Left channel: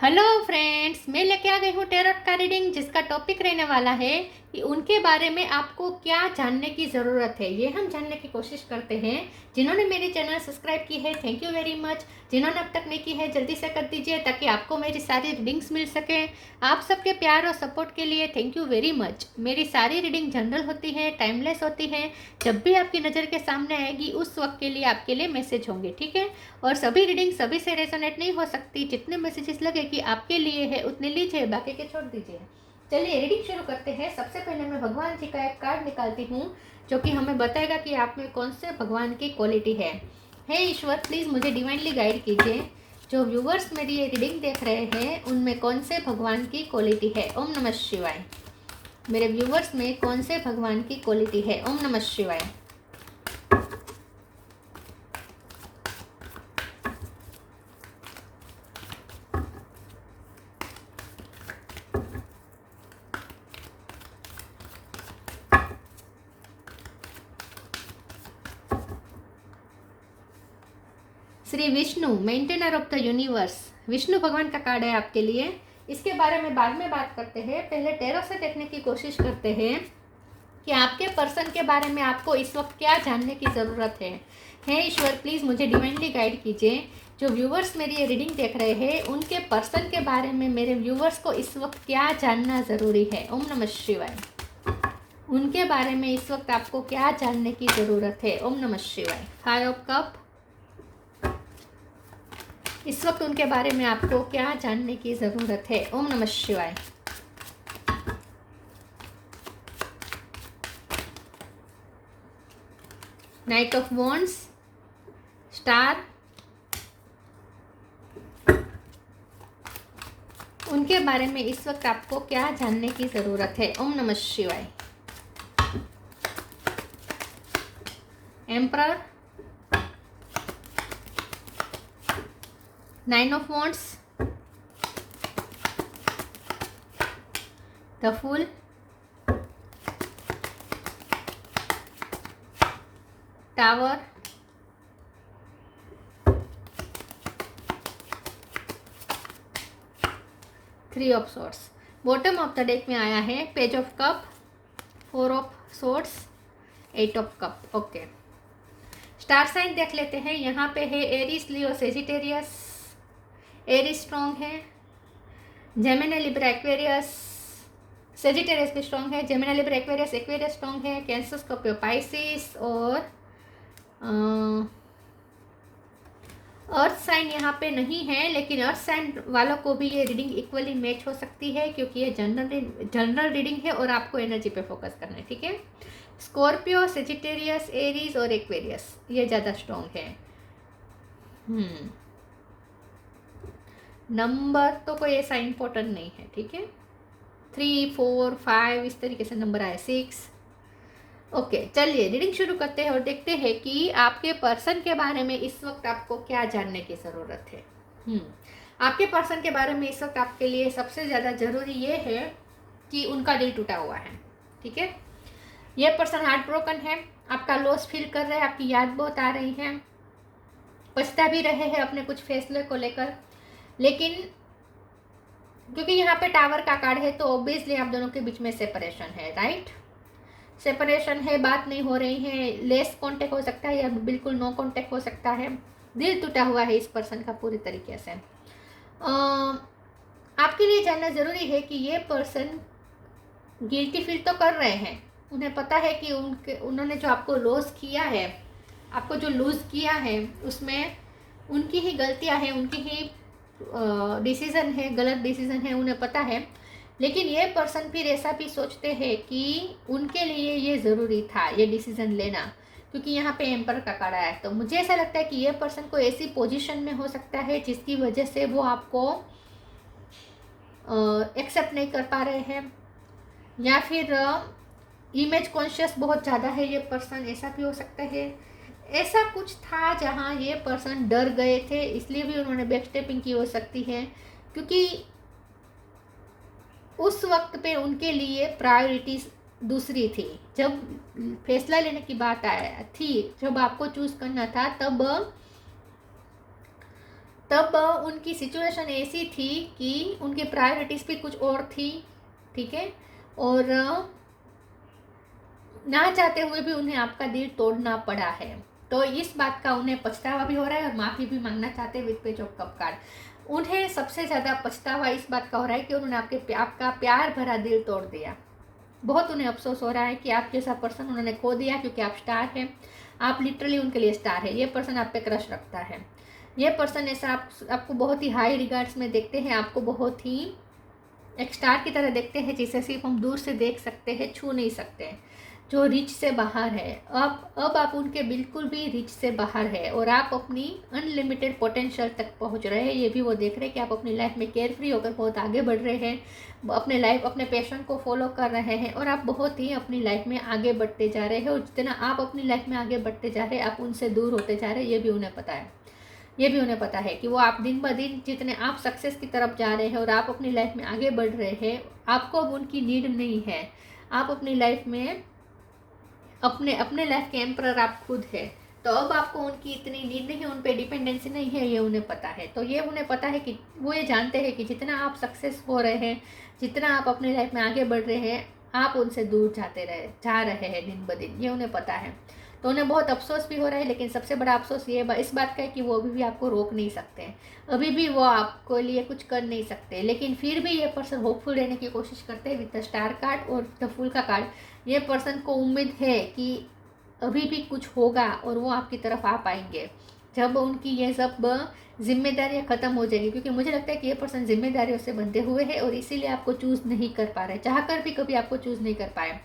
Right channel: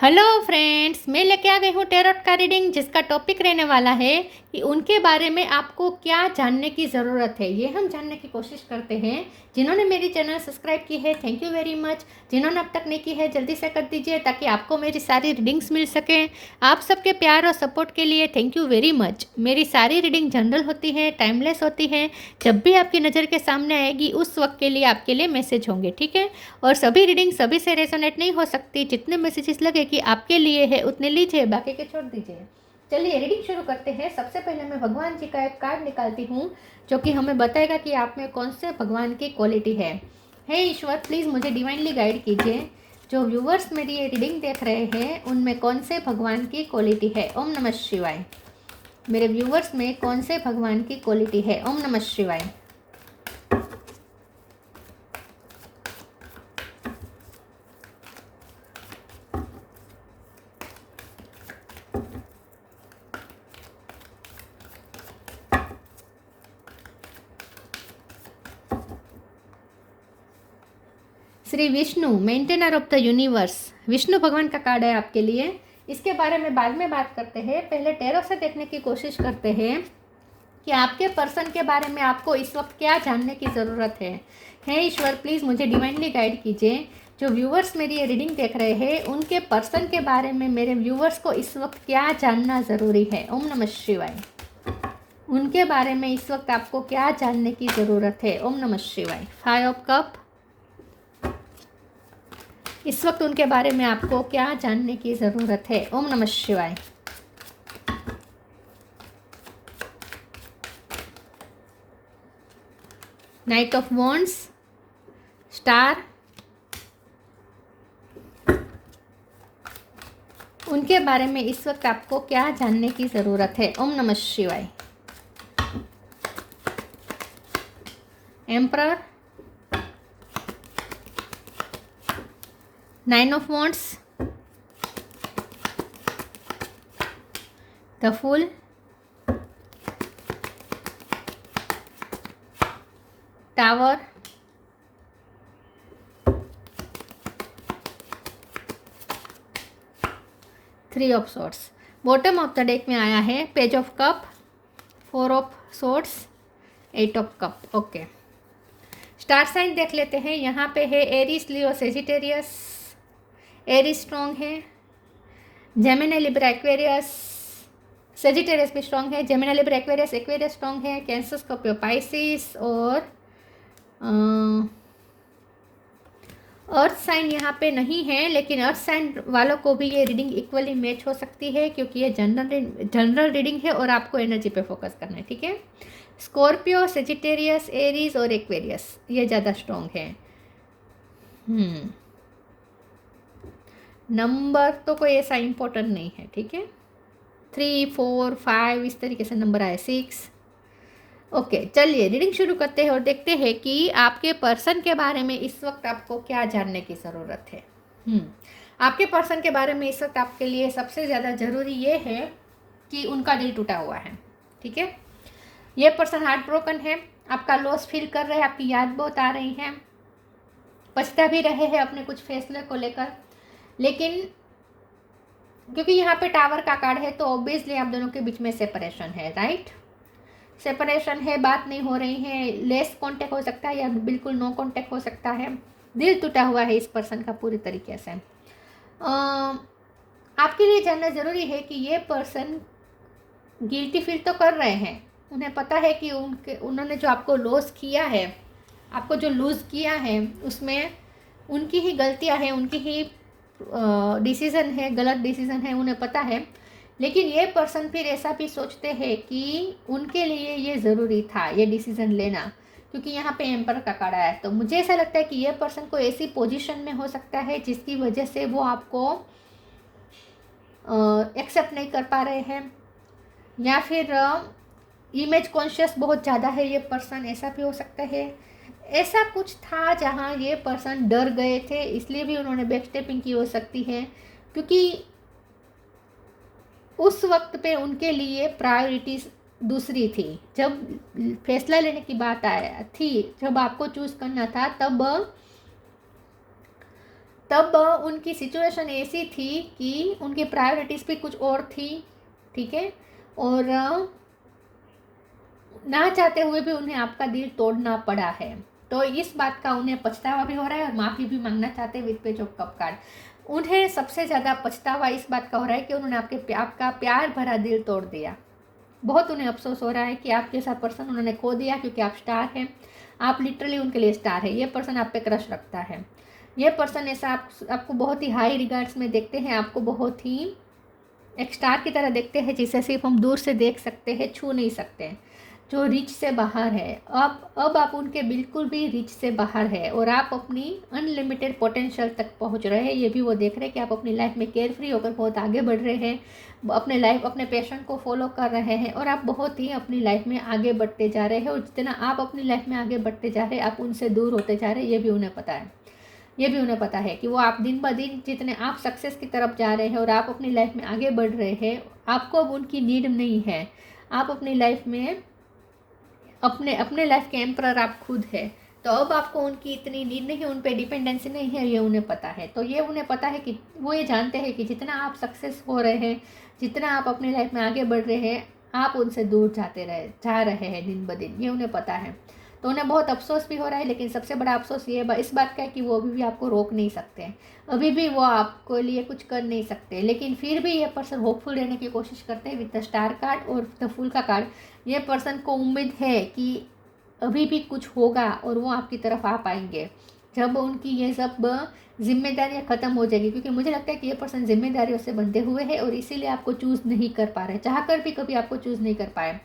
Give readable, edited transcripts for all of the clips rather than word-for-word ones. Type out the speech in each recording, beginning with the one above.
Hello friends, मैं लेके आ गई हूँ टैरोट का रीडिंग, जिसका टॉपिक रहने वाला है कि उनके बारे में आपको क्या जानने की ज़रूरत है। ये हम जानने की कोशिश करते हैं। जिन्होंने मेरी चैनल सब्सक्राइब की है, थैंक यू वेरी मच। जिन्होंने अब तक नहीं की है, जल्दी से कर दीजिए ताकि आपको मेरी सारी रीडिंग्स मिल सकें। आप सबके प्यार और सपोर्ट के लिए थैंक यू वेरी मच। मेरी सारी रीडिंग जनरल होती है, टाइमलेस होती है। जब भी आपकी नज़र के सामने आएगी उस वक्त के लिए आपके लिए मैसेज होंगे, ठीक है। और सभी रीडिंग सभी से रेजोनेट नहीं हो सकती। जितने मैसेजेस लगे कि आपके लिए है उतने लीजिए, बाकी के छोड़ दीजिए। चलिए रीडिंग शुरू करते हैं। सबसे पहले मैं भगवान जी का एक कार्ड निकालती हूँ जो कि हमें बताएगा कि आप में कौन से भगवान की क्वालिटी है। हे ईश्वर, प्लीज़ मुझे डिवाइनली गाइड कीजिए। जो व्यूवर्स मेरी ये रीडिंग देख रहे हैं उनमें कौन से भगवान की क्वालिटी है। ओम नमः शिवाय। मेरे व्यूवर्स में कौन से भगवान की क्वालिटी है। ओम नमः शिवाय। Shri Vishnu, maintainer of the universe. Vishnu भगवान का कार्ड है आपके लिए। इसके बारे में बाद में बात करते हैं। पहले टैरो से देखने की कोशिश करते हैं कि आपके पर्सन के बारे में आपको इस वक्त क्या जानने की ज़रूरत है। हे ईश्वर, प्लीज़ मुझे डिवाइनली गाइड कीजिए। जो व्यूवर्स मेरी ये रीडिंग देख रहे हैं उनके पर्सन के बारे में मेरे व्यूवर्स को इस वक्त क्या जानना ज़रूरी है। ओम नमः शिवाय। उनके बारे में इस वक्त आपको क्या जानने की ज़रूरत है। ओम नमः शिवाय। 5 ऑफ कप। इस वक्त उनके बारे में आपको क्या जानने की ज़रूरत है। ओम नमः शिवाय। Night of wands, star. उनके बारे में इस वक्त आपको क्या जानने की ज़रूरत है। Om namah Shivaya. Emperor, 9 of wands, the fool, tower, 3 of swords. Bottom of the deck में आया है page of cup, 4 of swords, 8 of cup. Okay, star sign देख लेते हैं। यहाँ पे है Aries, Leo, Sagittarius. Aries strong है, जेमिनी, लिब्रा, एक्वेरियस। सेजिटेरियस भी स्ट्रॉन्ग है, Gemini, Libra, Aquarius. Aquarius strong है, कैंसर, स्कॉर्पियो, पाइसिस। और अर्थ साइन यहाँ पे नहीं है, लेकिन अर्थ साइन वालों को भी ये रीडिंग इक्वली मैच हो सकती है क्योंकि ये जनरल रीडिंग है और आपको एनर्जी पे फोकस करना है, ठीक है। स्कॉर्पियो, सेजिटेरियस, एरीज और एक्वेरियस ये ज़्यादा स्ट्रॉन्ग है। नंबर तो कोई ऐसा इम्पोर्टेंट नहीं है, ठीक है। 3, 4, 5 इस तरीके से नंबर आए, 6। ओके, चलिए रीडिंग शुरू करते हैं और देखते हैं कि आपके पर्सन के बारे में इस वक्त आपको क्या जानने की ज़रूरत है। आपके पर्सन के बारे में इस वक्त आपके लिए सबसे ज़्यादा ज़रूरी ये है कि उनका दिल टूटा हुआ है, ठीक है। ये पर्सन हार्ट ब्रोकन है, आपका लॉस फील कर रहा है, आपकी याद बहुत आ रही है, पछता भी रहे हैं अपने कुछ फैसले को लेकर। लेकिन क्योंकि यहाँ पे टावर का कार्ड है तो ऑब्वियसली आप दोनों के बीच में सेपरेशन है, राइट। सेपरेशन है, बात नहीं हो रही है, लेस कांटेक्ट हो सकता है या बिल्कुल नो कांटेक्ट हो सकता है। दिल टूटा हुआ है इस पर्सन का पूरी तरीके से। आपके लिए जानना ज़रूरी है कि ये पर्सन गिल्टी फील तो कर रहे हैं। उन्हें पता है कि उन्होंने जो आपको लॉस किया है, आपको जो लूज़ किया है, उसमें उनकी ही गलतियां हैं, उनकी ही डिसीज़न है, गलत डिसीज़न है, उन्हें पता है। लेकिन ये पर्सन फिर ऐसा भी सोचते हैं कि उनके लिए ये ज़रूरी था ये डिसीज़न लेना, क्योंकि यहाँ पे एम्पर का कार्ड आया है। तो मुझे ऐसा लगता है कि ये पर्सन को ऐसी पोजीशन में हो सकता है जिसकी वजह से वो आपको एक्सेप्ट नहीं कर पा रहे हैं, या फिर इमेज कॉन्शियस बहुत ज़्यादा है ये पर्सन, ऐसा भी हो सकता है। ऐसा कुछ था जहाँ ये पर्सन डर गए थे, इसलिए भी उन्होंने बैक स्टेपिंग की हो सकती है, क्योंकि उस वक्त पे उनके लिए प्रायोरिटीज दूसरी थी। जब फैसला लेने की बात आया थी, जब आपको चूज़ करना था, तब तब उनकी सिचुएशन ऐसी थी कि उनकी प्रायोरिटीज़ भी कुछ और थी, ठीक है, और ना चाहते हुए भी उन्हें आपका दिल तोड़ना पड़ा है। तो इस बात का उन्हें पछतावा भी हो रहा है और माफ़ी भी मांगना चाहते हैं with page of cup card. उन्हें सबसे ज़्यादा पछतावा इस बात का हो रहा है कि उन्होंने आपका प्यार भरा दिल तोड़ दिया। बहुत उन्हें अफसोस हो रहा है कि आप जैसा पर्सन उन्होंने खो दिया, क्योंकि आप स्टार हैं, आप लिटरली उनके लिए स्टार है। ये पर्सन आप पे क्रश रखता है। ये पर्सन ऐसा आपको बहुत ही हाई रिगार्ड्स में देखते हैं, आपको बहुत ही एक स्टार की तरह देखते हैं, जिसे सिर्फ हम दूर से देख सकते हैं, छू नहीं सकते, जो रिच से बाहर है। अब आप उनके बिल्कुल भी रिच से बाहर है और आप अपनी अनलिमिटेड पोटेंशियल तक पहुंच रहे हैं। ये भी वो देख रहे हैं कि आप अपनी लाइफ में केयर फ्री होकर बहुत आगे बढ़ रहे हैं, अपने पैशन को फॉलो कर रहे हैं और आप बहुत ही अपनी लाइफ में आगे बढ़ते जा रहे हैं। और जितना आप अपनी लाइफ में आगे बढ़ते जा रहे हैं, आप उनसे दूर होते जा रहे हैं। ये भी उन्हें पता है। ये भी उन्हें पता है कि वो आप दिन ब दिन जितने आप सक्सेस की तरफ जा रहे हैं और आप अपनी लाइफ में आगे बढ़ रहे हैं, आपको अब उनकी नीड नहीं है। आप अपनी लाइफ में अपने लाइफ के एम्परर आप खुद है। तो अब आपको उनकी इतनी नीड नहीं है, उन पर डिपेंडेंसी नहीं है, ये उन्हें पता है। तो ये उन्हें पता है कि वो ये जानते हैं कि जितना आप सक्सेस हो रहे हैं, जितना आप अपनी लाइफ में आगे बढ़ रहे हैं, आप उनसे दूर जा रहे हैं दिन ब दिन। ये उन्हें पता है। तो उन्हें बहुत अफसोस भी हो रहा है, लेकिन सबसे बड़ा अफसोस ये इस बात का है कि वो अभी भी आपको रोक नहीं सकते हैं, अभी भी वो आपको लिए कुछ कर नहीं सकते। लेकिन फिर भी ये पर्सन होपफुल रहने की कोशिश करते हैं विद द स्टार कार्ड और द फूल का कार्ड। ये पर्सन को उम्मीद है कि अभी भी कुछ होगा और वो आपकी तरफ आ पाएंगे जब उनकी ये सब जिम्मेदारियां ख़त्म हो जाएगी। क्योंकि मुझे लगता है कि ये पर्सन जिम्मेदारियों से बंधे हुए हैं और इसीलिए आपको चूज़ नहीं कर पा रहे, चाहकर भी कभी आपको चूज़ नहीं कर पाए।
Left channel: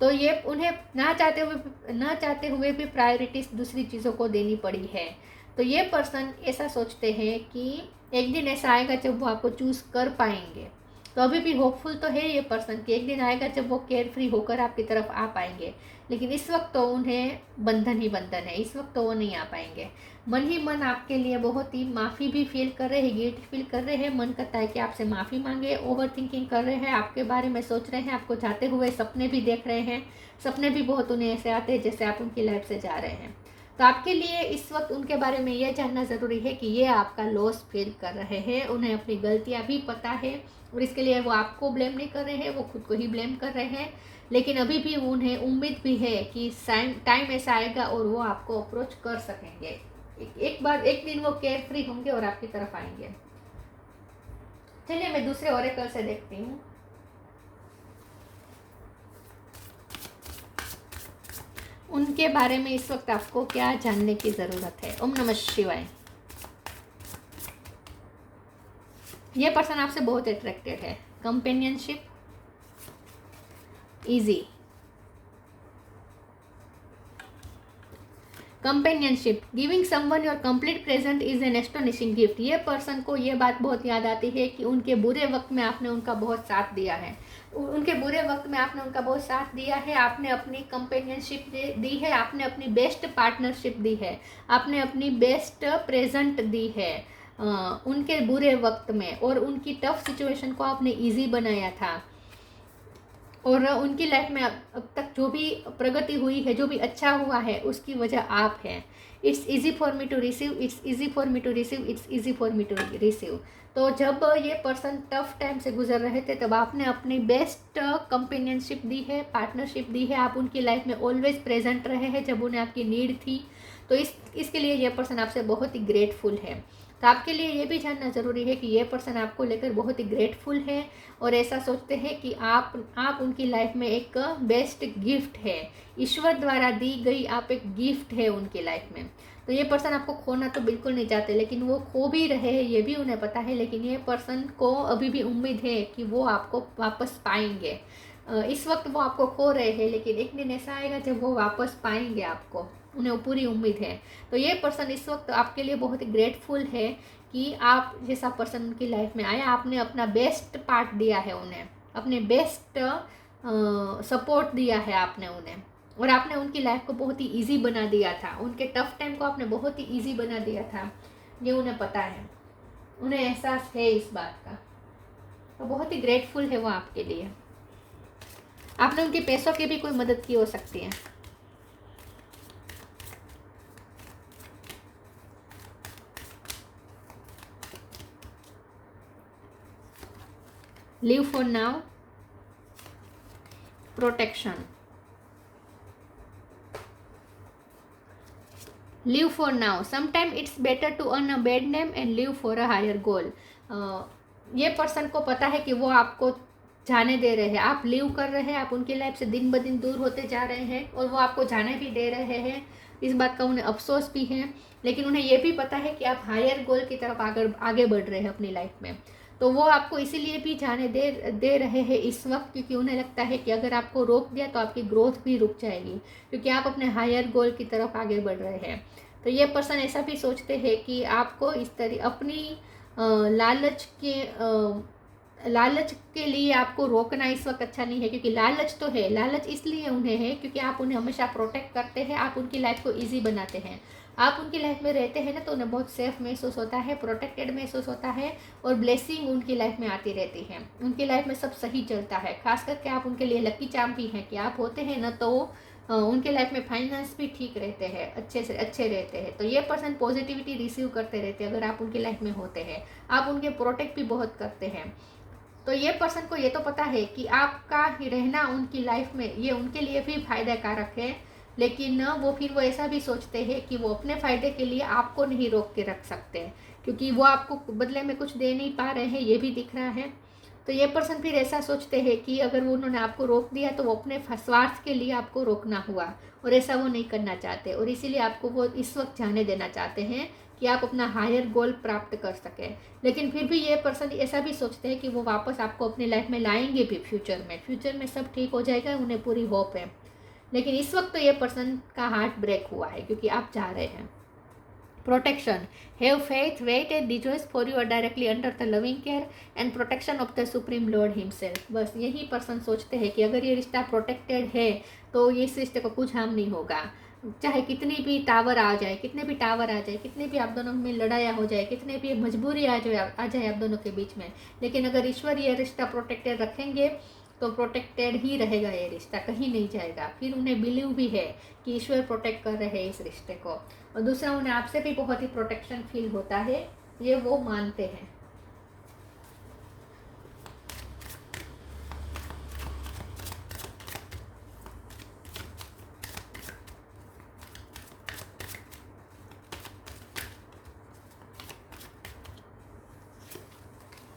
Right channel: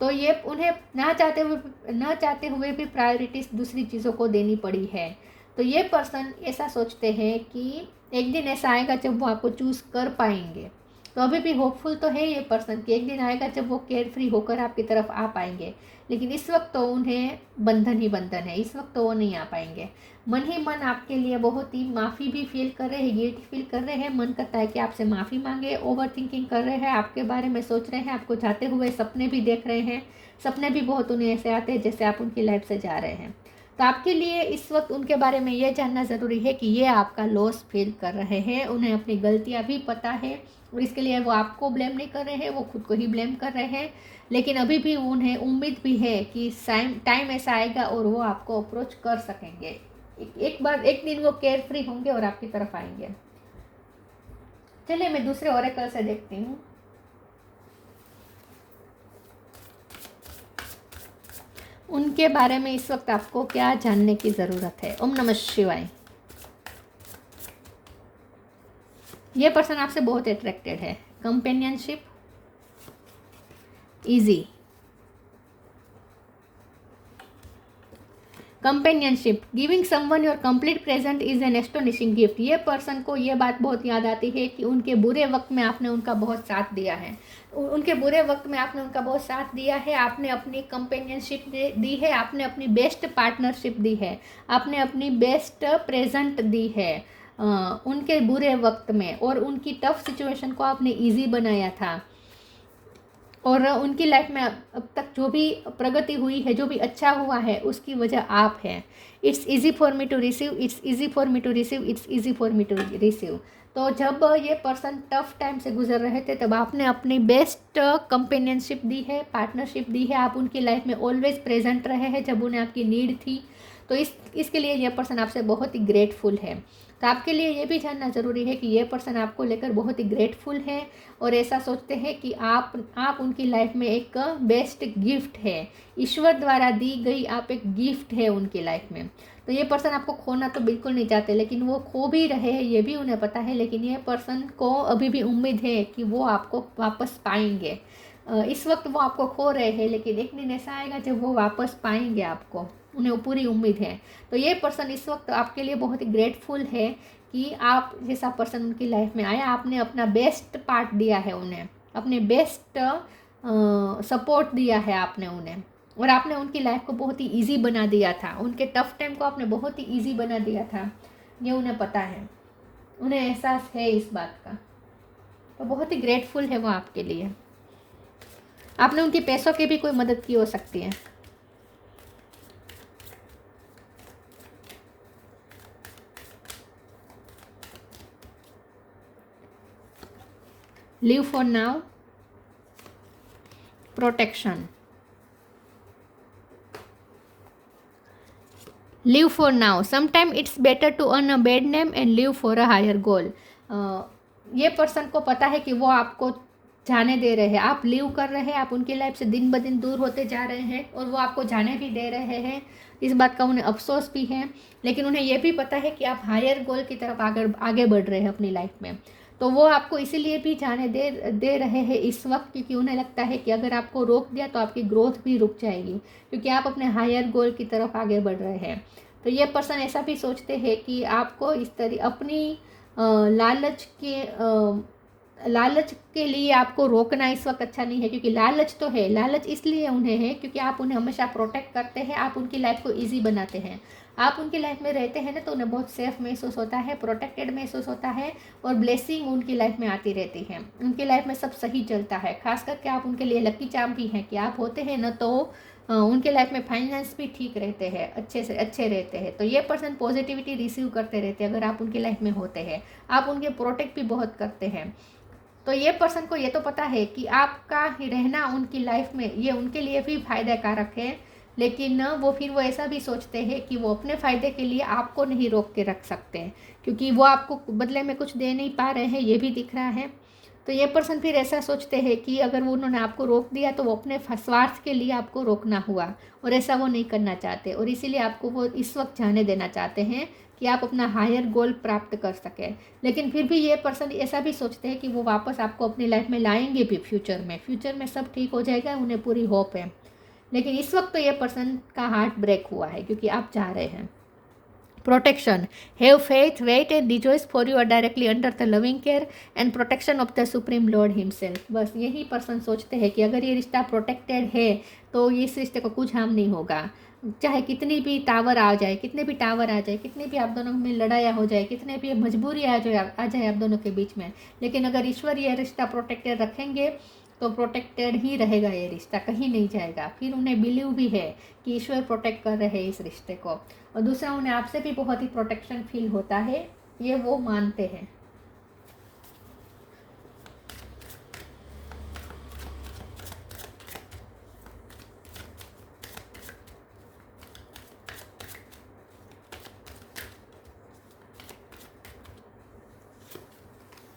तो ये उन्हें ना चाहते हुए भी प्रायोरिटीज दूसरी चीज़ों को देनी पड़ी है। तो ये पर्सन ऐसा सोचते हैं कि एक दिन ऐसा आएगा जब वो आपको चूज़ कर पाएंगे। तो अभी भी होपफुल तो है ये पर्सन कि एक दिन आएगा जब वो केयर फ्री होकर आपकी तरफ आ पाएंगे। लेकिन इस वक्त तो उन्हें बंधन ही बंधन है, इस वक्त तो वो नहीं आ पाएंगे। मन ही मन आपके लिए बहुत ही माफ़ी भी फील कर रहे हैं, गिल्ट फील कर रहे हैं। मन करता है कि आपसे माफ़ी मांगे, ओवर थिंकिंग कर रहे हैं, आपके बारे में सोच रहे हैं, आपको जाते हुए सपने भी देख रहे हैं। सपने भी बहुत उन्हें ऐसे आते हैं जैसे आप उनकी लाइफ से जा रहे हैं। तो आपके लिए इस वक्त उनके बारे में ये जानना ज़रूरी है कि ये आपका लॉस फील कर रहे हैं, उन्हें अपनी गलतियाँ भी पता है और इसके लिए वो आपको ब्लेम नहीं कर रहे हैं, वो खुद को ही ब्लेम कर रहे हैं। लेकिन अभी भी उन्हें उम्मीद भी है कि टाइम ऐसा आएगा और वो आपको अप्रोच कर सकेंगे। एक दिन वो केयर फ्री होंगे और आपकी तरफ आएंगे। चलिए मैं दूसरे ओरेकल से देखती हूँ। उनके बारे में इस वक्त आपको क्या जानने की ज़रूरत है। ओम नमः शिवाय। ये पर्सन आपसे बहुत अट्रैक्टेड है। Companionship, easy companionship, giving someone your complete present is an astonishing gift. ये पर्सन को ये बात बहुत याद आती है कि उनके बुरे वक्त में आपने उनका बहुत साथ दिया है। उनके बुरे वक्त में आपने उनका बहुत साथ दिया है। आपने अपनी कंपेनियनशिप दी है, आपने अपनी बेस्ट पार्टनरशिप दी है, आपने अपनी बेस्ट प्रेजेंट दी है उनके बुरे वक्त में। और उनकी टफ सिचुएशन को आपने ईजी बनाया था। और उनकी लाइफ में अब तक जो भी प्रगति हुई है, जो भी अच्छा हुआ है, उसकी वजह आप हैं। It's easy for me to receive, it's easy for me to receive, it's easy for me to receive. तो जब ये पर्सन टफ टाइम से गुजर रहे थे, तब आपने अपनी बेस्ट कंपेनियनशिप दी है, पार्टनरशिप दी है। आप उनकी लाइफ में ऑलवेज प्रेजेंट रहे हैं जब उन्हें आपकी नीड थी। तो इसके लिए ये पर्सन आपसे बहुत ही ग्रेटफुल है। तो आपके लिए ये भी जानना ज़रूरी है कि ये पर्सन आपको लेकर बहुत ही ग्रेटफुल है और ऐसा सोचते हैं कि आप उनकी लाइफ में एक बेस्ट गिफ्ट है, ईश्वर द्वारा दी गई आप एक गिफ्ट है उनकी लाइफ में। तो ये पर्सन आपको खोना तो बिल्कुल नहीं चाहते, लेकिन वो खो भी रहे हैं, ये भी उन्हें पता है। लेकिन ये पर्सन को अभी भी उम्मीद है कि वो आपको वापस पाएंगे। इस वक्त वो आपको खो रहे हैं, लेकिन एक दिन ऐसा आएगा जब वो वापस पाएंगे आपको, उन्हें पूरी उम्मीद है। तो ये पर्सन इस वक्त आपके लिए बहुत ही ग्रेटफुल है कि आप जैसा पर्सन उनकी लाइफ में आया, आपने अपना बेस्ट पार्ट दिया है उन्हें, अपने बेस्ट सपोर्ट दिया है आपने उन्हें। और आपने उनकी लाइफ को बहुत ही इजी बना दिया था, उनके टफ टाइम को आपने बहुत ही इजी बना दिया था। ये उन्हें पता है, उन्हें एहसास है इस बात का। तो बहुत ही ग्रेटफुल है वो आपके लिए। आपने उनके पैसों की भी कोई मदद की हो सकती है। Live for now, protection, live for now, sometime it's better to earn a bad name and live for a higher goal. ये पर्सन को पता है कि वो आपको जाने दे रहे हैं, आप लिव कर रहे हैं, आप उनकी लाइफ से दिन ब दिन दूर होते जा रहे हैं और वो आपको जाने भी दे रहे हैं। इस बात का उन्हें अफसोस भी है, लेकिन उन्हें ये भी पता है कि आप हायर गोल की तरफ आगे बढ़ रहे हैं अपनी लाइफ में। तो वो आपको इसीलिए भी जाने दे रहे हैं इस वक्त, क्योंकि उन्हें लगता है कि अगर आपको रोक दिया तो आपकी ग्रोथ भी रुक जाएगी, क्योंकि आप अपने हायर गोल की तरफ आगे बढ़ रहे हैं। तो ये पर्सन ऐसा भी सोचते हैं कि आपको इस तरह अपनी लालच के लिए आपको रोकना इस वक्त अच्छा नहीं है, क्योंकि लालच तो है, लालच इसलिए उन्हें है क्योंकि आप उन्हें हमेशा प्रोटेक्ट करते हैं, आप उनकी लाइफ को इजी बनाते हैं। आप उनकी लाइफ में रहते हैं ना, तो उन्हें बहुत सेफ महसूस होता है, प्रोटेक्टेड महसूस होता है और ब्लेसिंग उनकी लाइफ में आती रहती है, उनकी लाइफ में सब सही चलता है। खास करके आप उनके लिए लकी चार्म भी हैं कि आप होते हैं ना, तो उनके लाइफ में फाइनेंस भी ठीक रहते हैं, अच्छे रहते हैं। तो ये पर्सन पॉजिटिविटी रिसीव करते रहते हैं अगर आप उनकी लाइफ में होते हैं, आप उनके प्रोटेक्ट भी बहुत करते हैं। तो ये पर्सन को ये तो पता है कि आपका ही रहना उनकी लाइफ में ये उनके लिए भी फायदा कारक है, लेकिन वो फिर वो ऐसा भी सोचते हैं कि वो अपने फ़ायदे के लिए आपको नहीं रोक के रख सकते, क्योंकि वो आपको बदले में कुछ दे नहीं पा रहे हैं, ये भी दिख रहा है। तो ये पर्सन फिर ऐसा सोचते हैं कि अगर वो उन्होंने आपको रोक दिया तो वो अपने स्वार्थ के लिए आपको रोकना हुआ, और ऐसा वो नहीं करना चाहते, और इसीलिए आपको वो इस वक्त जाने देना चाहते हैं कि आप अपना हायर गोल प्राप्त कर सकें। लेकिन फिर भी ये पर्सन ऐसा भी सोचते हैं कि वो वापस आपको अपनी लाइफ में लाएंगे भी फ्यूचर में सब ठीक हो जाएगा, उन्हें पूरी होप है। लेकिन इस वक्त तो ये पर्सन का हार्ट ब्रेक हुआ है क्योंकि आप जा रहे हैं। Protection, have faith, wait and rejoice for you are directly under the loving care and protection of the supreme lord himself. बस यही पर्सन सोचते हैं कि अगर ये रिश्ता प्रोटेक्टेड है तो इस रिश्ते को कुछ हार्म नहीं होगा, चाहे कितनी भी टावर आ जाए, कितने भी टावर आ जाए, कितने भी आप दोनों में लड़ाइयाँ हो जाए, कितने भी मजबूरी आ जाए आप दोनों के बीच में, लेकिन अगर ईश्वर ये रिश्ता प्रोटेक्टेड रखेंगे तो प्रोटेक्टेड ही रहेगा, ये रिश्ता कहीं नहीं जाएगा। फिर उन्हें बिलीव भी है कि ईश्वर प्रोटेक्ट कर रहे हैं इस रिश्ते को, और दूसरा उन्हें आपसे भी बहुत ही प्रोटेक्शन फील होता है, ये वो मानते हैं।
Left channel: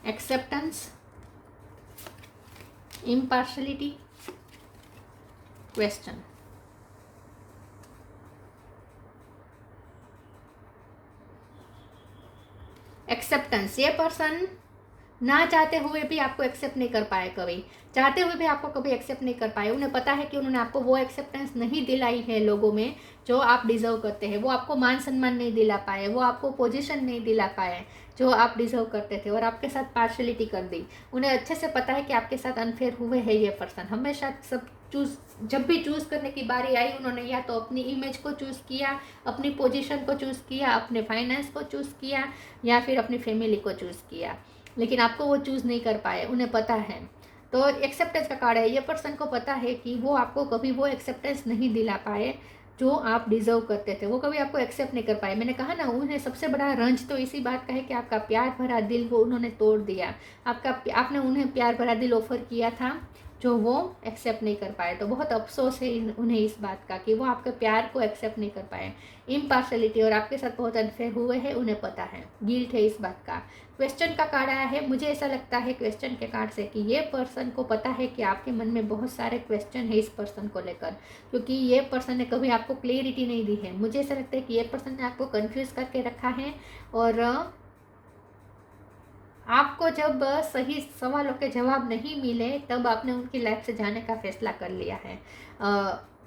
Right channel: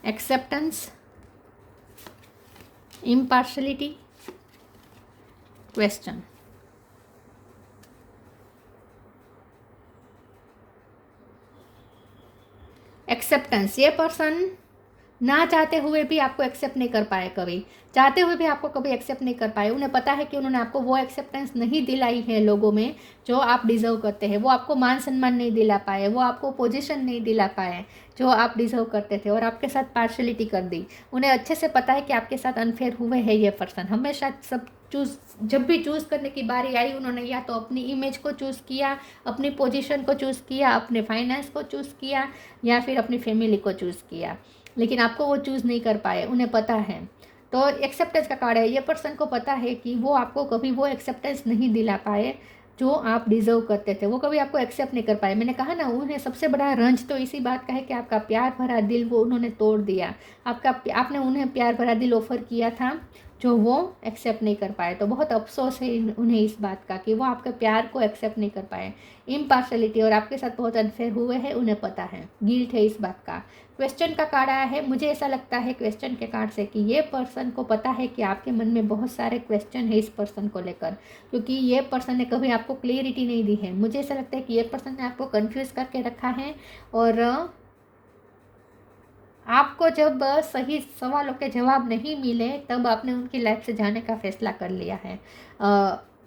Acceptance, impartiality, question. एक्सेप्टेंस, ये पर्सन ना चाहते हुए भी आपको एक्सेप्ट नहीं कर पाए, कभी चाहते हुए भी आपको कभी एक्सेप्ट नहीं कर पाए। उन्हें पता है कि उन्होंने आपको वो एक्सेप्टेंस नहीं दिलाई है लोगों में जो आप डिजर्व करते हैं, वो आपको मान सम्मान नहीं दिला पाए, वो आपको पोजीशन नहीं दिला पाए जो आप डिजर्व करते थे, और आपके साथ पार्शलिटी कर दी। उन्हें अच्छे से पता है कि आपके साथ अनफेयर हुए हैं। ये पर्सन हमेशा सब जब भी चूज़ करने की बारी आई, उन्होंने या तो अपनी इमेज को चूज़ किया, अपनी पोजीशन को चूज़ किया, अपने फाइनेंस को चूज़ किया, या फिर अपनी फैमिली को चूज़ किया, लेकिन आपको वो चूज़ नहीं कर पाए, उन्हें पता है। तो एक्सेप्टेंस का कार्ड है, ये पर्सन को पता है कि वो आपको कभी वो एक्सेप्टेंस नहीं दिला पाए जो आप डिज़र्व करते थे, वो कभी आपको एक्सेप्ट नहीं कर पाए। मैंने कहा ना, उन्हें सबसे बड़ा रंज तो इसी बात का है कि आपका प्यार भरा दिल वो उन्होंने तोड़ दिया। आपने उन्हें प्यार भरा दिल ऑफर किया था जो वो एक्सेप्ट नहीं कर पाए, तो बहुत अफसोस है उन्हें इस बात का कि वो आपके प्यार को एक्सेप्ट नहीं कर पाए। इम्पार्शलिटी और आपके साथ बहुत अनफेयर हुए हैं, उन्हें पता है, गिल्ट है इस बात का। क्वेश्चन का कार्ड आया है, मुझे ऐसा लगता है क्वेश्चन के कार्ड से कि ये पर्सन को पता है कि आपके मन में बहुत सारे क्वेश्चन है इस पर्सन को लेकर, क्योंकि ये पर्सन ने कभी आपको क्लियरिटी नहीं दी है। मुझे ऐसा लगता है कि ये पर्सन ने आपको कंफ्यूज करके रखा है, और आपको जब सही सवालों के जवाब नहीं मिले तब आपने उनकी लाइफ से जाने का फैसला कर लिया है।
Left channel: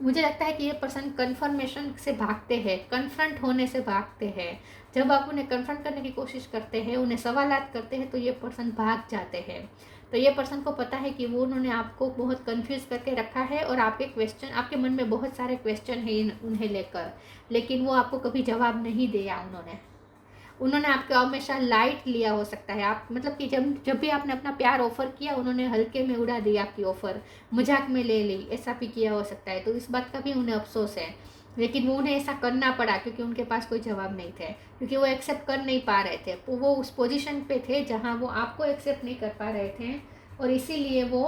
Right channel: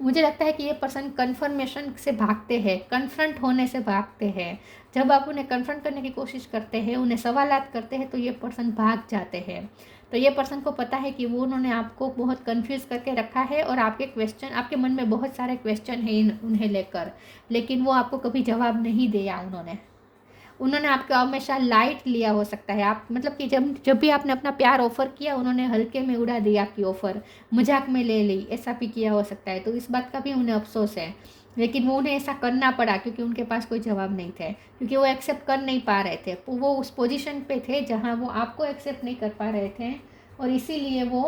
मुझे लगता है कि ये पर्सन कन्फर्मेशन से भागते हैं, कन्फ्रंट होने से भागते हैं। जब आप उन्हें कन्फ्रंट करने की कोशिश करते हैं, उन्हें सवालात करते हैं, तो ये पर्सन भाग जाते हैं। तो ये पर्सन को पता है कि वो उन्होंने आपको बहुत कंफ्यूज करके रखा है, और आपके मन में बहुत सारे क्वेश्चन हैं उन्हें लेकर, लेकिन वो आपको कभी जवाब नहीं दिया। उन्होंने आपको हमेशा लाइट लिया हो सकता है, आप मतलब कि जब भी आपने अपना प्यार ऑफ़र किया, उन्होंने हल्के में उड़ा दिया आपकी ऑफ़र, मजाक में ले ली, ऐसा भी किया हो सकता है। तो इस बात का भी उन्हें अफसोस है, लेकिन वो उन्हें ऐसा करना पड़ा क्योंकि उनके पास कोई जवाब नहीं थे, क्योंकि वो एक्सेप्ट कर नहीं पा रहे थे। वो उस पोजीशन पे थे जहाँ वो आपको एक्सेप्ट नहीं कर पा रहे थे, और इसीलिए वो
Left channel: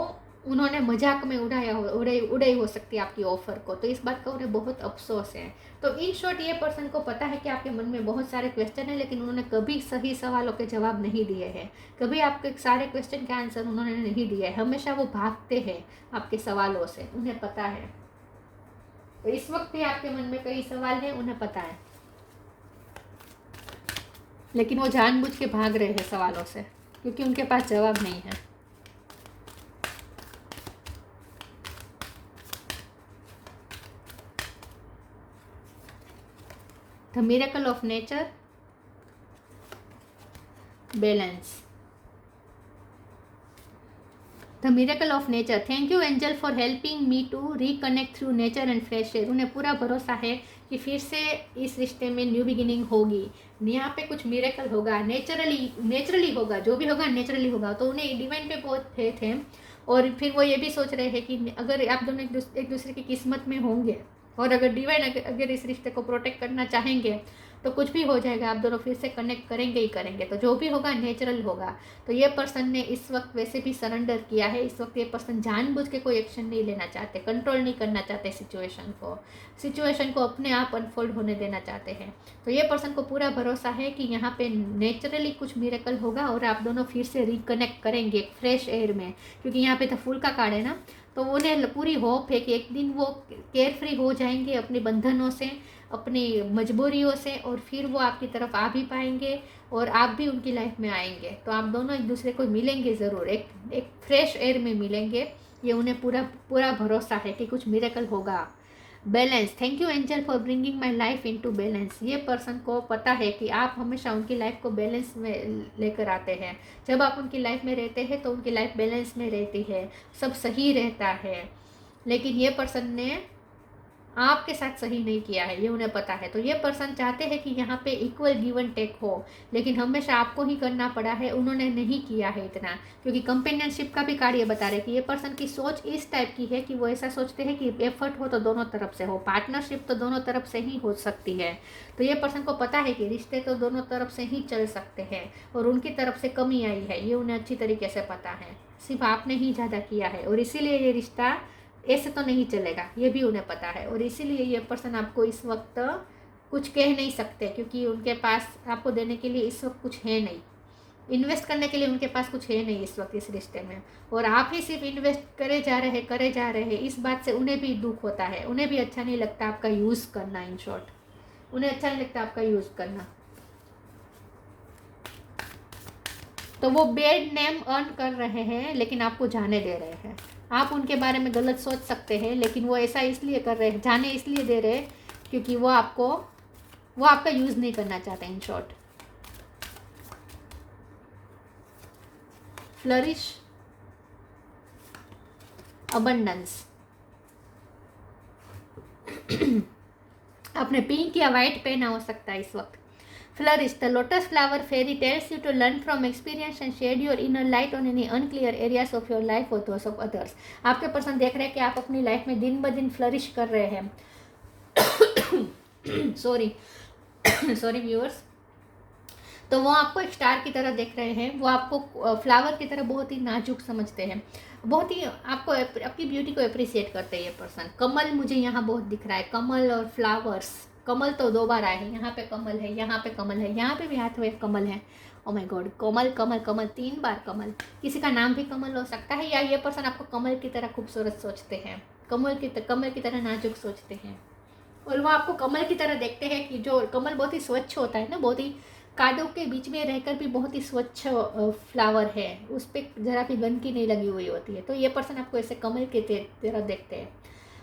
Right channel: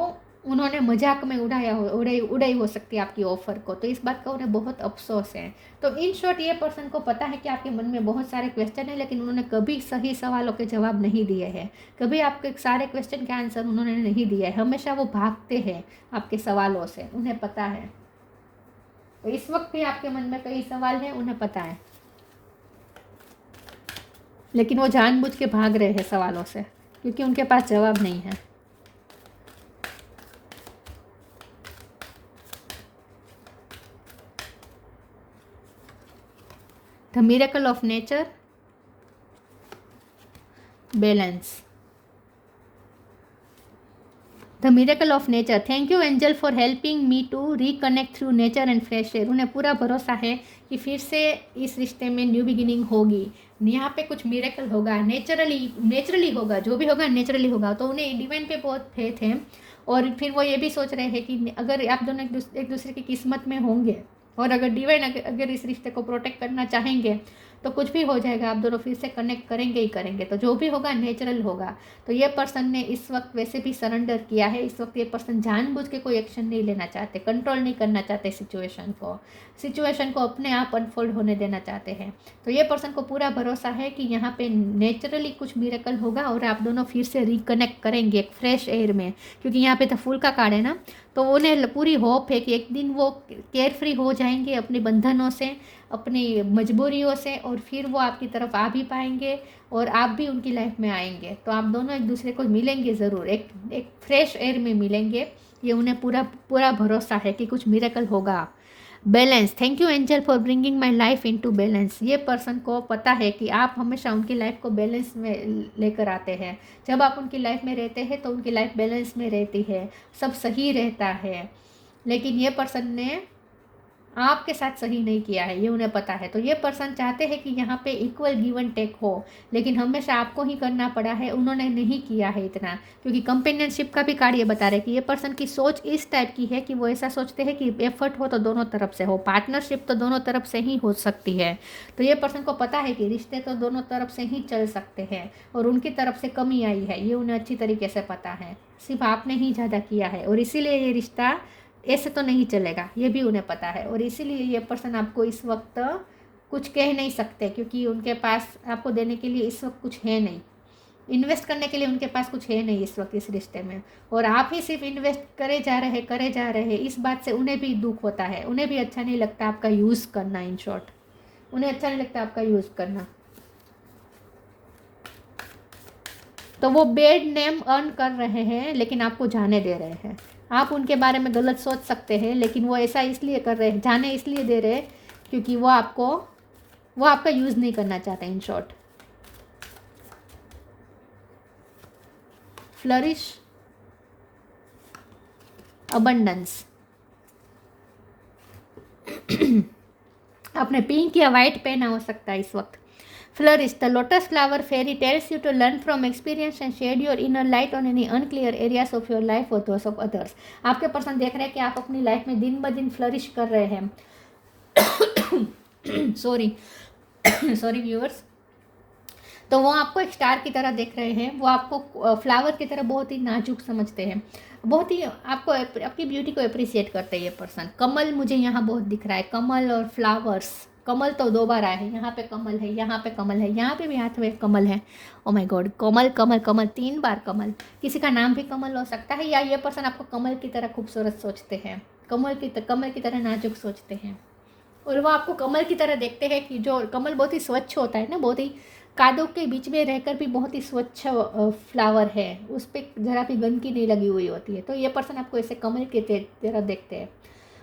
उन्होंने मजाक में उड़ाई हो सकती है आपकी ऑफ़र को। तो इस बात का उन्हें बहुत अफसोस है। तो इन शॉर्ट ये पर्सन को पता है कि आपके मन में बहुत सारे क्वेश्चन हैं, लेकिन उन्होंने कभी सही सवालों के जवाब नहीं दिए हैं, कभी आपके सारे क्वेश्चन के आंसर उन्होंने नहीं दिए है। हमेशा वो भागते हैं आपके सवालों से, उन्हें पता है। तो इस वक्त भी आपके मन में कई सवाल हैं, उन्हें पता है, लेकिन वो जानबूझ के भाग रहे हैं सवालों से, क्योंकि उनके पास जवाब नहीं है। The miracle of nature, balance. The miracle of nature, thank you angel for helping me to reconnect through nature and fresh air. उन्हें पूरा भरोसा है कि फिर से इस रिश्ते में न्यू बिगिनिंग होगी, यहाँ पे कुछ मिरेकल होगा, नेचुरली होगा, जो भी होगा नेचुरली होगा। तो उन्हें डिवाइन पे बहुत फेथ है, और फिर वो ये भी सोच रहे हैं कि अगर आप दोनों एक दूसरे की किस्मत में होंगे, और अगर डिवाइन अगर इस रिश्ते को प्रोटेक्ट करना चाहेंगे, तो कुछ भी हो जाएगा, आप दोनों फिर से कनेक्ट करेंगे ही करेंगे। तो जो भी होगा नेचुरल होगा। तो ये पर्सन ने इस वक्त वैसे भी सरेंडर किया है। इस वक्त ये पर्सन जानबूझ के कोई एक्शन नहीं लेना चाहते, कंट्रोल नहीं करना चाहते सिचुएशन को अपने आप अनफोल्ड होने देना चाहते हैं। तो ये पर्सन को पूरा भरोसा है कि यहाँ पे नेचुरली कुछ मिरेकल होगा, और आप दोनों फिर से रिकनेक्ट करेंगे एक फ्रेश एयर में, क्योंकि यहाँ पे तो फूल का कार्ड है ना। तो उन्हें पूरी होप है कि एक दिन वो केयर फ्री हो जाएंगे अपने बंधनों से, अपनी मजबूरियों से, और फिर वो आपकी तरफ आ भी पाएंगे, और आप भी उनकी लाइफ में आएंगे। तो आप दोनों एक दूसरे को मिलेंगे ज़रूर, एक फ्रेश एयर में मिलेंगे। ये उन्हें पूरा भरोसा है कि कुछ मिरेकल होगा। Balance, thank you angel for bringing my life into balance. ये पर्सन को पता है कि आप हमेशा उनकी लाइफ को बैलेंस में लेकर आते हैं। जब आप उनकी लाइफ में रहते हैं तो उनकी लाइफ बैलेंस में रहती है, सब सही रहता है। लेकिन ये पर्सन ने आपके साथ सही नहीं किया है, ये उन्हें पता है। तो ये पर्सन चाहते हैं कि यहाँ पे इक्वल गिव एंड टेक हो, लेकिन हमेशा आपको ही करना पड़ा है, उन्होंने नहीं किया है इतना। क्योंकि कंपेनियनशिप का भी कार्ड ये बता रहे हैं कि ये पर्सन की सोच इस टाइप की है कि वो ऐसा सोचते हैं कि एफर्ट हो तो दोनों तरफ से हो, पार्टनरशिप तो दोनों तरफ से ही हो सकती है। तो ये पर्सन को पता है कि रिश्ते तो दोनों तरफ से ही चल सकते हैं, और उनकी तरफ से कमी आई है, ये उन्हें अच्छी तरीके से पता है। सिर्फ आपने ही ज़्यादा किया है, और इसीलिए ये रिश्ता ऐसे तो नहीं चलेगा, ये भी उन्हें पता है। और इसीलिए ये पर्सन आपको इस वक्त कुछ कह नहीं सकते, क्योंकि उनके पास आपको देने के लिए इस वक्त कुछ है नहीं, इन्वेस्ट करने के लिए उनके पास कुछ है नहीं इस वक्त इस रिश्ते में। और आप ही सिर्फ इन्वेस्ट करे जा रहे हैं। इस बात से उन्हें भी दुख होता है, उन्हें भी अच्छा नहीं लगता आपका यूज़ करना। इन शॉर्ट, उन्हें अच्छा नहीं लगता आपका यूज़ करना। तो वो बेड नेम अर्न कर रहे हैं, लेकिन आपको जाने दे रहे हैं। आप उनके बारे में गलत सोच सकते हैं, लेकिन वो ऐसा इसलिए कर रहे हैं, जाने इसलिए दे रहे हैं क्योंकि वो आपका यूज़ नहीं करना चाहते। In short, flourish, abundance. आपने पिंक या वाइट पहना हो सकता है इस वक्त। Flourish, the lotus flower fairy tells you to learn from experience and shed your inner light on any unclear areas of your life or those of others. आपके person देख रहे हैं कि आप अपनी लाइफ में दिन ब दिन फ्लरिश कर रहे हैं। Sorry viewers. तो वो आपको एक स्टार की तरह देख रहे हैं, वो आपको फ्लावर की तरह बहुत ही नाजुक समझते हैं, बहुत ही आपको आपकी ब्यूटी को अप्रिशिएट करते हैं ये पर्सन। कमल मुझे यहाँ बहुत दिख रहा है, कमल और फ्लावर्स। कमल तो 2 बार आए हैं, यहाँ पे कमल है, यहाँ पे कमल है, यहाँ पे भी हाथ में कमल है। Oh my God, Kamal Kamal Kamal, 3 बार कमल। किसी का नाम भी कमल हो सकता है, या ये पर्सन आपको कमल की तरह खूबसूरत सोचते हैं, कमल की तरह नाजुक सोचते हैं, और वो आपको कमल की तरह देखते हैं कि जो कमल बहुत ही स्वच्छ होता है ना, बहुत ही कादों के बीच में रहकर भी बहुत ही स्वच्छ फ्लावर है, उस पर जरा भी गंदगी नहीं लगी हुई होती है। तो ये पर्सन आपको ऐसे कमल के तरह देखते हैं।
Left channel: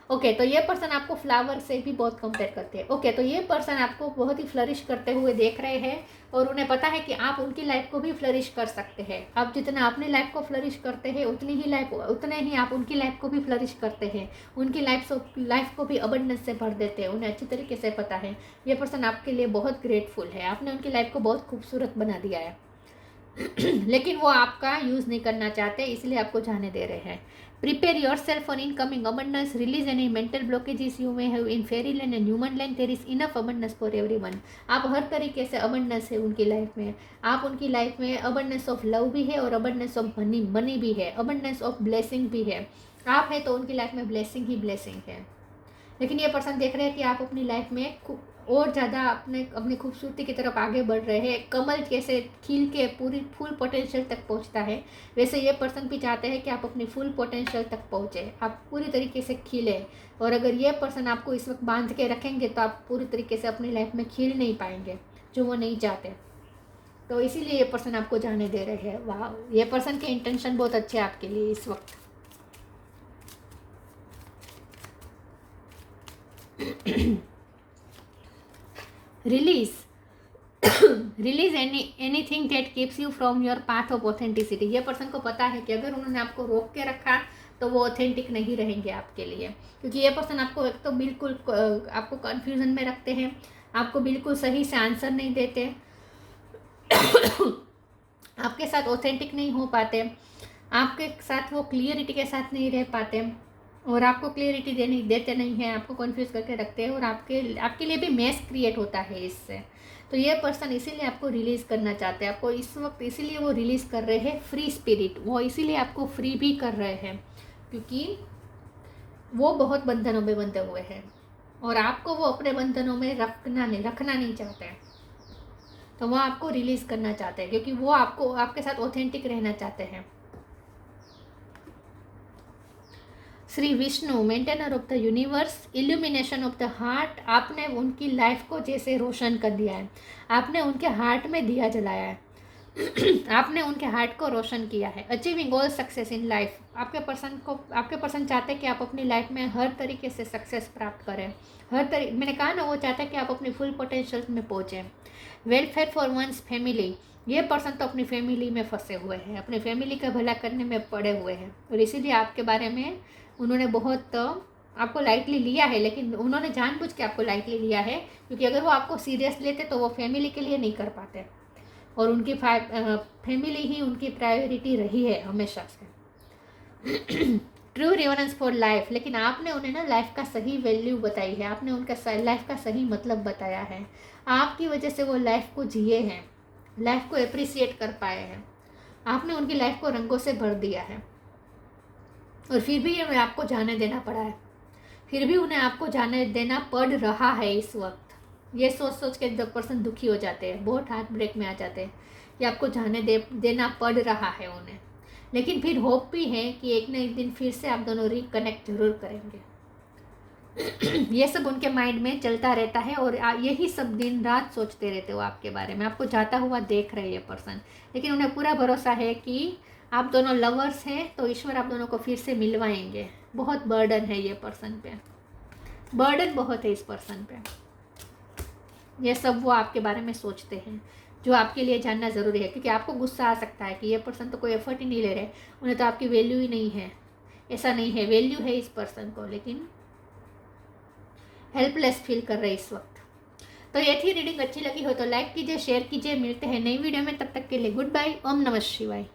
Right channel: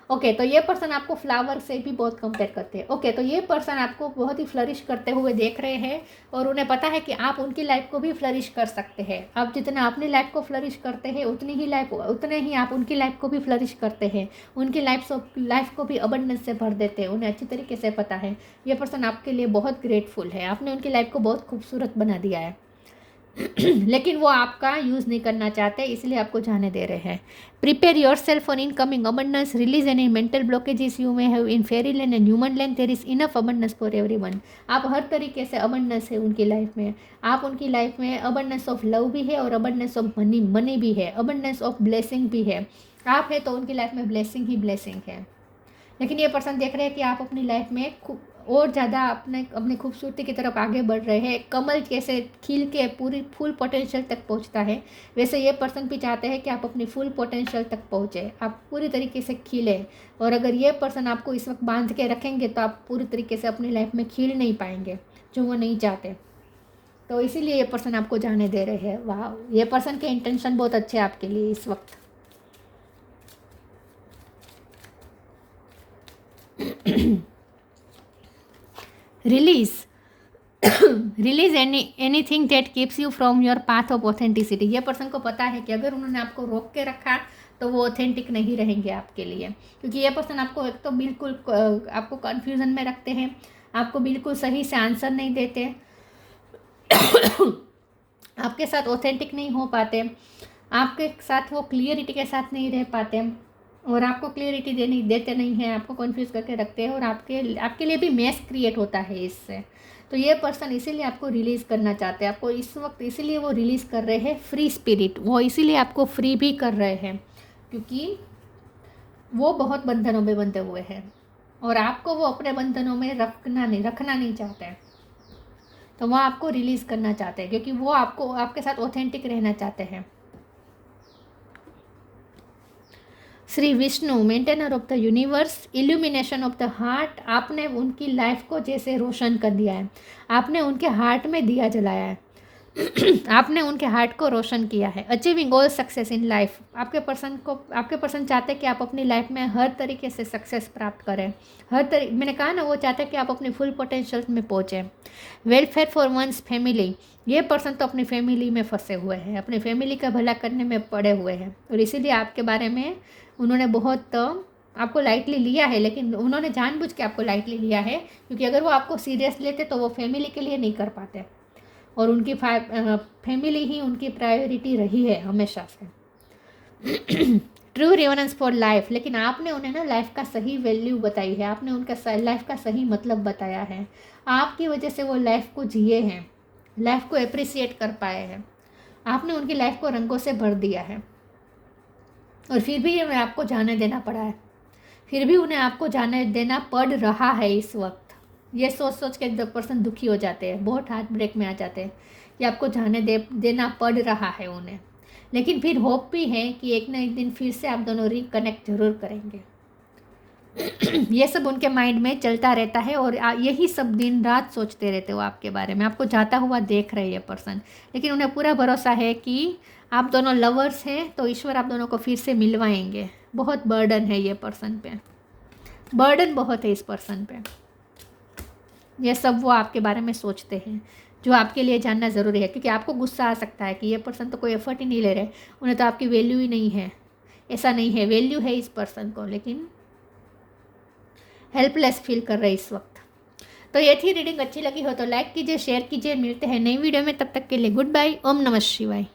ओके, तो ये पर्सन आपको फ्लावर से भी बहुत कंपेयर करते हैं। ओके, तो ये पर्सन आपको बहुत ही फ्लरिश करते हुए देख रहे हैं, और उन्हें पता है कि आप उनकी लाइफ को भी फ्लरिश कर सकते हैं। आप जितना अपनी लाइफ को फ्लरिश करते हैं, उतने ही आप उनकी लाइफ को भी फ्लरिश करते हैं, उनकी लाइफ को भी अबंडेंस से भर देते हैं। उन्हें अच्छी तरीके से पता है, ये पर्सन आपके लिए बहुत ग्रेटफुल है, आपने उनकी लाइफ को बहुत खूबसूरत बना दिया है। लेकिन वो आपका यूज़ नहीं करना चाहते, इसलिए आपको जाने दे रहे हैं। Prepare your self for incoming abundance, release any mental blockages you may have in fairy land and human land, there is enough abundance for everyone. आप हर तरीके से अबंडेंस है उनकी लाइफ में। आप उनकी लाइफ में अबंडेंस ऑफ लव भी है और अबंडेंस ऑफ मनी भी है, अबंडेंस ऑफ ब्लेसिंग भी है। आप है तो उनकी लाइफ में ब्लेसिंग ही ब्लेसिंग है। लेकिन ये पर्सन देख रहे हैं कि आप अपनी लाइफ में और ज़्यादा अपनी खूबसूरती की तरफ आगे बढ़ रहे हैं। कमल कैसे खिल के पूरी फुल पोटेंशियल तक पहुंचता है, वैसे ये पर्सन भी चाहते हैं कि आप अपनी फुल पोटेंशियल तक पहुंचे, आप पूरी तरीके से खिले। और अगर ये पर्सन आपको इस वक्त बांध के रखेंगे तो आप पूरी तरीके से अपनी लाइफ में खिल नहीं पाएंगे, जो वो नहीं चाहते। तो इसीलिए ये पर्सन आपको जाने दे रहे हैं। वाह, ये पर्सन के इंटेंशन बहुत अच्छे हैं आपके लिए इस वक्त। Release release anything that keeps you from your path of authenticity. ये पर्सन को पता है कि अगर उन्होंने आपको रोक के रखा तो वो ऑथेंटिक नहीं रहेंगे आपके लिए, क्योंकि ये पर्सन आपको एक तो बिल्कुल आपको कन्फ्यूजन में रखते हैं, आपको बिल्कुल सही से आंसर नहीं देते, आपके साथ ऑथेंटिक नहीं हो पाते, आपके साथ वो क्लियरिटी के साथ नहीं रह पाते और आपको क्लियरिटी देते नहीं हैं, आपको कंफ्यूज करके रखते हैं और आपके लिए भी मेस क्रिएट होता है इससे। तो ये पर्सन इसीलिए आपको रिलीज़ करना चाहते हैं, आपको इस वक्त इसीलिए वो रिलीज़ कर रहे हैं फ्री स्पिरिट। वो इसीलिए आपको फ्री भी कर रहे हैं क्योंकि वो बहुत बंधनों में बंधे हुए हैं और आपको वो अपने बंधनों में रखना नहीं चाहते हैं। तो वो आपको रिलीज़ करना चाहते हैं क्योंकि वो आपके साथ ऑथेंटिक रहना चाहते हैं। Shri Vishnu, maintainer of the universe, illumination of the heart. आपने उनकी लाइफ को जैसे रोशन कर दिया है, आपने उनके हार्ट में दिया जलाया है, आपने उनके हार्ट को रोशन किया है। Achieving all success in life. आपके पर्सन चाहते हैं कि आप अपनी लाइफ में हर तरीके से सक्सेस प्राप्त करें। मैंने कहा ना, वो चाहते हैं कि आप अपनी फुल पोटेंशियल में पहुँचें। Welfare for one's family. ये पर्सन तो अपनी फैमिली में फंसे हुए हैं, अपनी फैमिली का भला करने में पड़े हुए हैं और इसीलिए आपके बारे में उन्होंने बहुत आपको लाइटली लिया है, लेकिन उन्होंने जानबूझ के आपको लाइटली लिया है क्योंकि अगर वो आपको सीरियस लेते तो वो फैमिली के लिए नहीं कर पाते और उनकी फैमिली ही उनकी प्रायोरिटी रही है हमेशा से। True reverence for life. लेकिन आपने उन्हें ना लाइफ का सही वैल्यू बताई है, आपने उनका लाइफ का सही मतलब बताया है। आपकी वजह से वो लाइफ को जिए हैं, लाइफ को अप्रिसिएट कर पाए हैं, आपने उनकी लाइफ को रंगों से भर दिया है और फिर भी उन्हें आपको जाने देना पड़ा है, फिर भी उन्हें आपको जाने देना पड़ रहा है इस वक्त। ये सोच के पर्सन दुखी हो जाते हैं, बहुत हार्ट ब्रेक में आ जाते हैं कि आपको जाने देना पड़ रहा है उन्हें। लेकिन फिर होप भी है कि एक ना एक दिन फिर से आप दोनों रिकनेक्ट जरूर करेंगे। ये सब उनके माइंड में चलता रहता है और यही सब दिन रात सोचते रहते हो आपके बारे में, आपको जाता हुआ देख रहे हैं ये पर्सन। लेकिन उन्हें पूरा भरोसा है कि आप दोनों लवर्स हैं तो ईश्वर आप दोनों को फिर से मिलवाएंगे। बहुत बर्डन है ये पर्सन पे, बर्डन बहुत है इस पर्सन पे। ये सब वो आपके बारे में सोचते हैं जो आपके लिए जानना ज़रूरी है, क्योंकि आपको गुस्सा आ सकता है कि ये पर्सन तो कोई एफर्ट ही नहीं ले रहे, उन्हें तो आपकी वैल्यू ही नहीं है। ऐसा नहीं है, वैल्यू है इस पर्सन को, लेकिन हेल्पलेस फील कर रहे इस वक्त। तो ये थी रीडिंग। अच्छी लगी हो तो लाइक कीजिए, शेयर कीजिए। मिलते हैं नई वीडियो में, तब तक के लिए गुड बाय। ओम नमः शिवाय।